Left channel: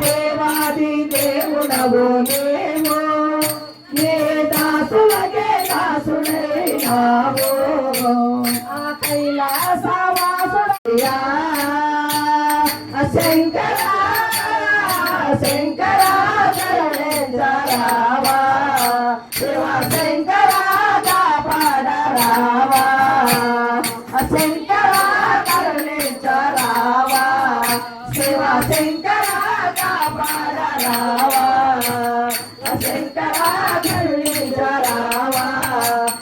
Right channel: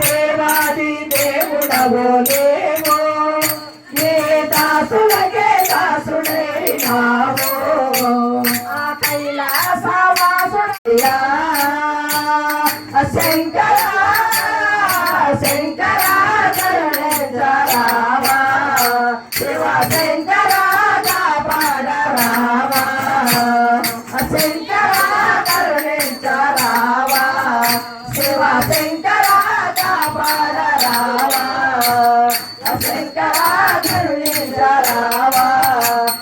దేవాది దేవుడవో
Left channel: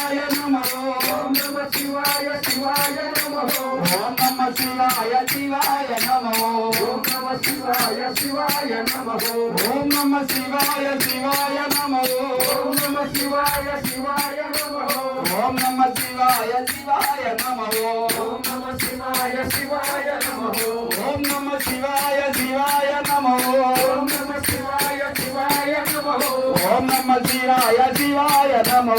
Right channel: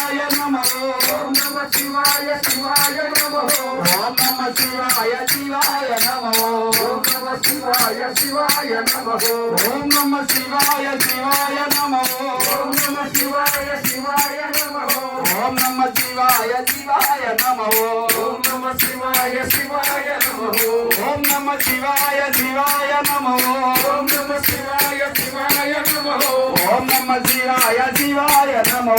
శివాయ నమో ఓం నమ శివాయ శివాయ నమో ఓం నమ శివాయ శివాయ నమో ఓం నమ శివాయ శివాయ నమో ఓం నమ శివాయ శివాయ నమో ఓం నమ శివాయ శివాయ నమో ఓం నమ శివాయ శివాయ నమో ఓం నమ శివాయ శివాయ నమో ఓం నమ శివాయ శివాయ నమో ఓం నమ నమ శివాయ శివాయ నమో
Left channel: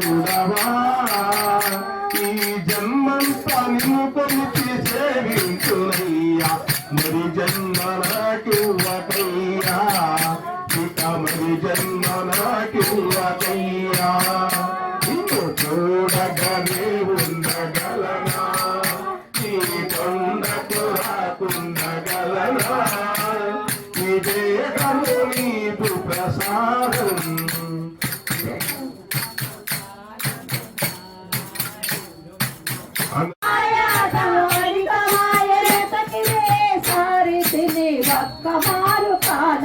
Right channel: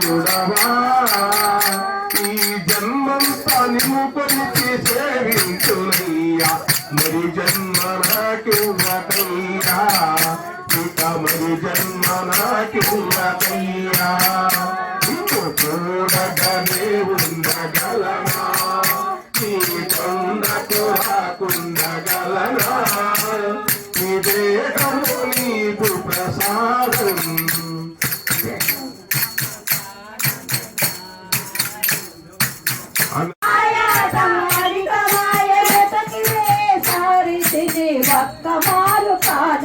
Tu Dabar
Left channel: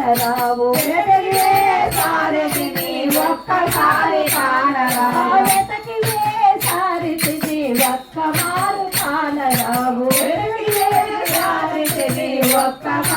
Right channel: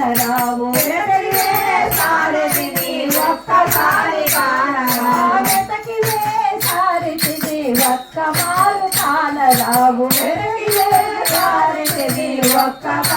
కానరావు సారథిని ఒక్కసారి కానరావు వెతకిలే సారథిని ఒక్కమారు కానరావు సారథిని ఒక్కసారి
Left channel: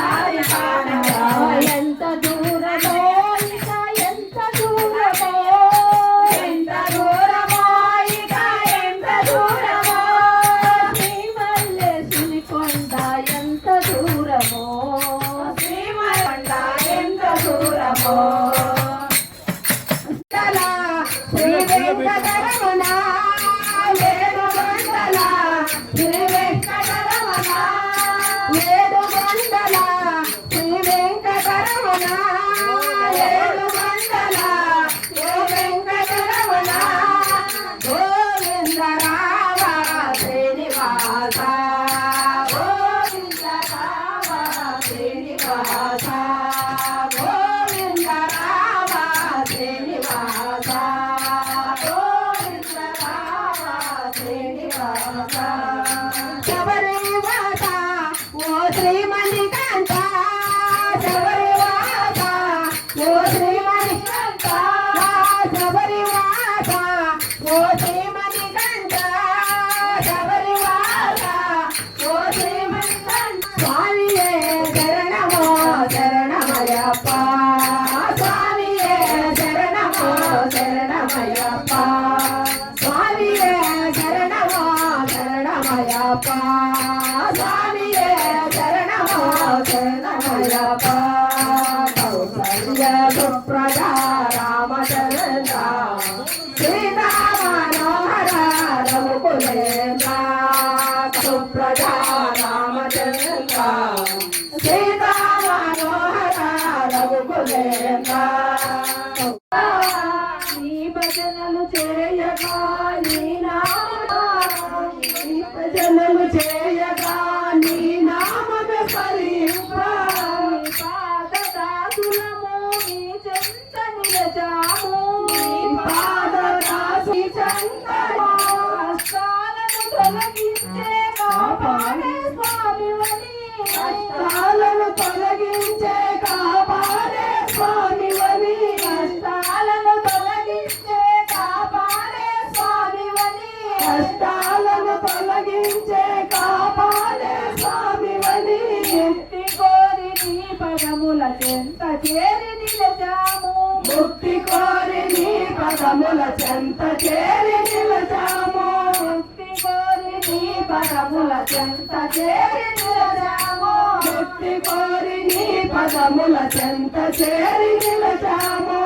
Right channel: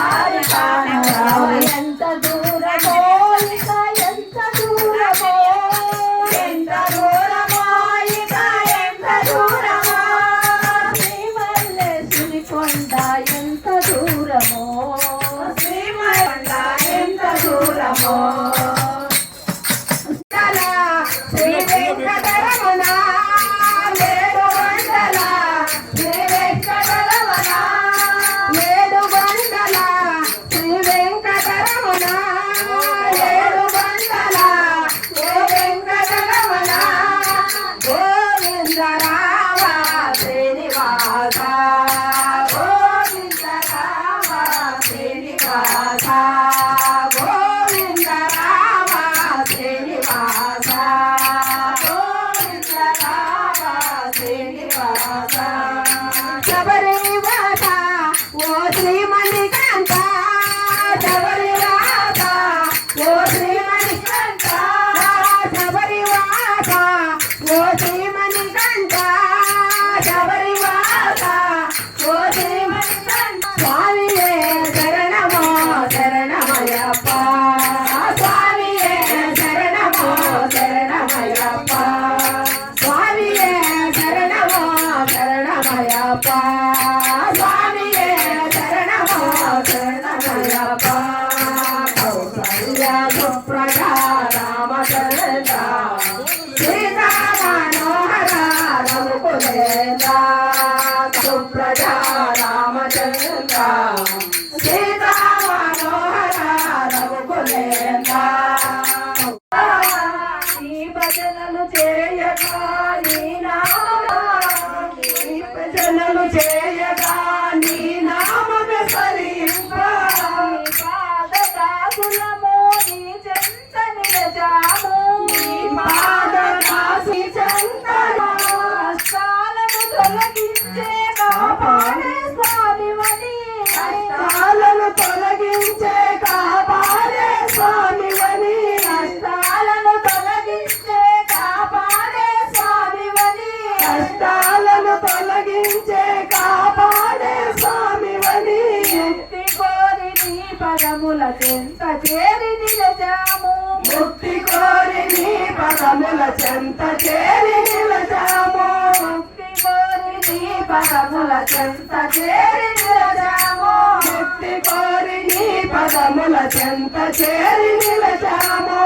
చేరి నిలచాము ముక్తి కోరి నీ పదముల చెంత చేరి నిలచాము ముక్తి కోరి నీ పదముల చెంత చేరి నిలచాము ముక్తి కోరి నీ పదముల చెంత చేరి నిలచాము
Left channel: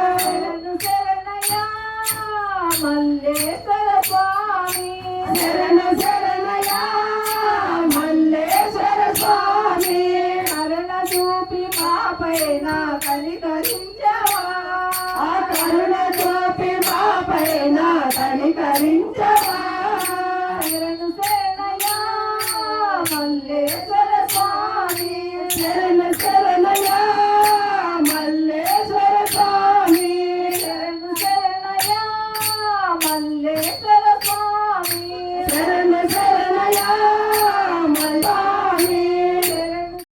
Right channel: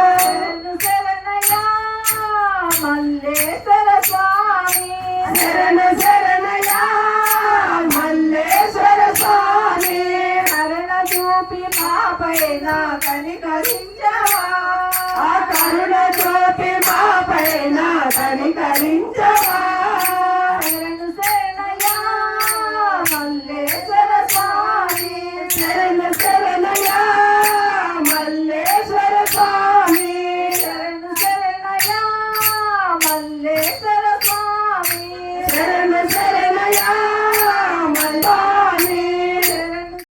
శరణయ్యా మల్లేశ్వర స్వామి. శరణ పైన కనికరించవా ఆ కరుణ చూపి మా పైన కనికరించ